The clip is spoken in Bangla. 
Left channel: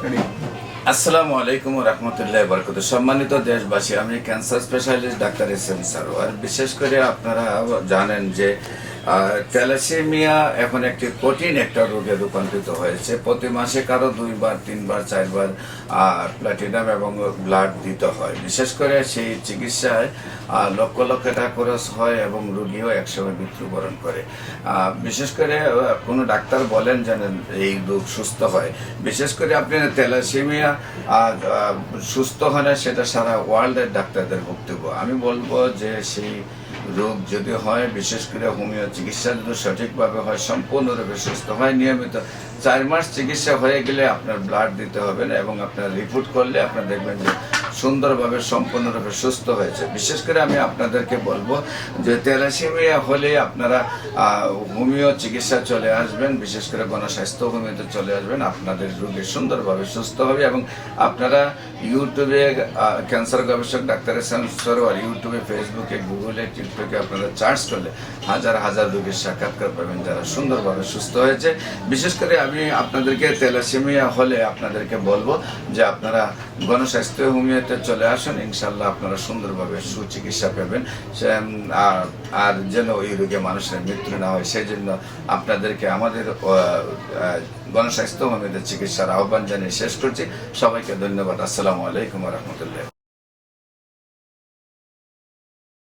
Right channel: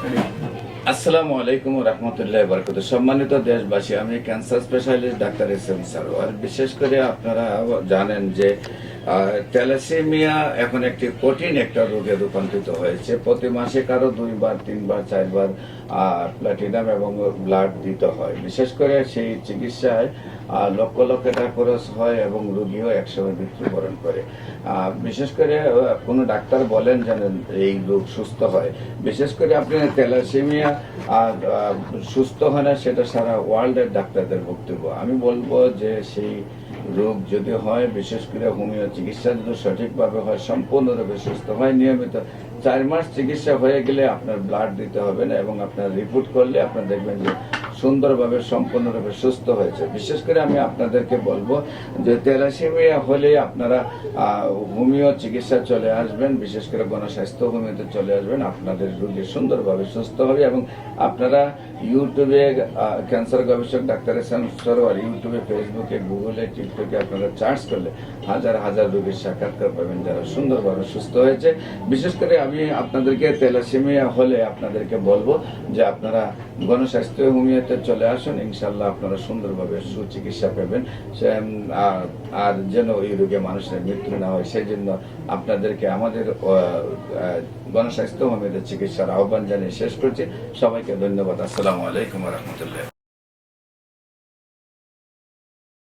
আসসালামু আলাইকুম রহমতুল্লাহ বরকত সম্মানিত দেশবাসী, আমি cancer specialist doctor S M Sarwar বিশেষ করে আপনারা জানেন যে ক্যালাসেমিয়া এখন একটি কঠিন একটা রোগে রূপান্তরিত হয়েছে। প্রতি মাসে কারও দুইবার, তিনবার, চারবার প্লাটিনাম এবং ব্লাড দিতে হয়। বিশেষ করে সেই চিকিৎসায় লক্ষ লক্ষ টাকা খরচ হয় এবং রোগীও একসময় মৃত্যুবরণ করে। বিশেষ করে কোনো ডাক্তার বলেন যেন এই রোগ সুস্থ হয়। বিশেষ করে আপনি তেলাসেমিয়া সুস্থ হয় না, সেটা সারা ওয়ার্ল্ডের ডাক্তারদের বক্তব্য। আমি বলব যে সেই রোগ যদি হয়, বিশেষ করে হোমিও চিকিৎসা যদি সঠিকভাবে হয়, সম্পূর্ণরূপে সুস্থ হয়। নিয়মিত চার মাস চিকিৎসা হয়ে গেলে আপনার ব্লাড দিতে হবে না এবং আপনার রিপোর্ট করলে আপনার দেখবেন যে সুন্দরভাবে, সম্পূর্ণরূপে সুস্থ হয়েছে। বিশেষ করে আমি আপনাদেরকে বলব যে তেলাসিমিয়া হলে আপনারা হোমিও চিকিৎসা চলে আসবেন, বিশেষ করে গণস্বাস্থ্য হোমিওতে চলে আসবেন। আপনাদের রোগী সুন্দরভাবে সুস্থ হবে এবং আপনারা ইউটিউবে ক্যান্সার গবেষক ডাক্তার এসান সরোয়ার, ইউটিউবে, ফেসবুকে, গুগলে, টিকটকে আপনারা চার্জ করলে হাজার হাজার রোগীর সাক্ষাৎকার পাবেন যারা সুন্দরভাবে সুস্থ হয়েছে। বিশেষ করে আমি আপনাদেরকে তেলাসিমিয়া হলে আপনাদেরকে বলব যে আপনারা গণস্বাস্থ্য হোমিওতে চলে আসেন ইনশাল্লাহ আপনারা সুন্দরভাবে সুচিকিৎসা পাবেন। আর- যেন ওই রোগে মানুষের মৃত্যু না হয় সেই জন্য আপনাদেরকে আমাদের গণস্বাস্থ্য চিকিৎসার আহ্বান জানিয়ে শেষ করছি। সবাইকে ধন্যবাদ। আসসালামু আলাইকুম রহমতুল্লাহ।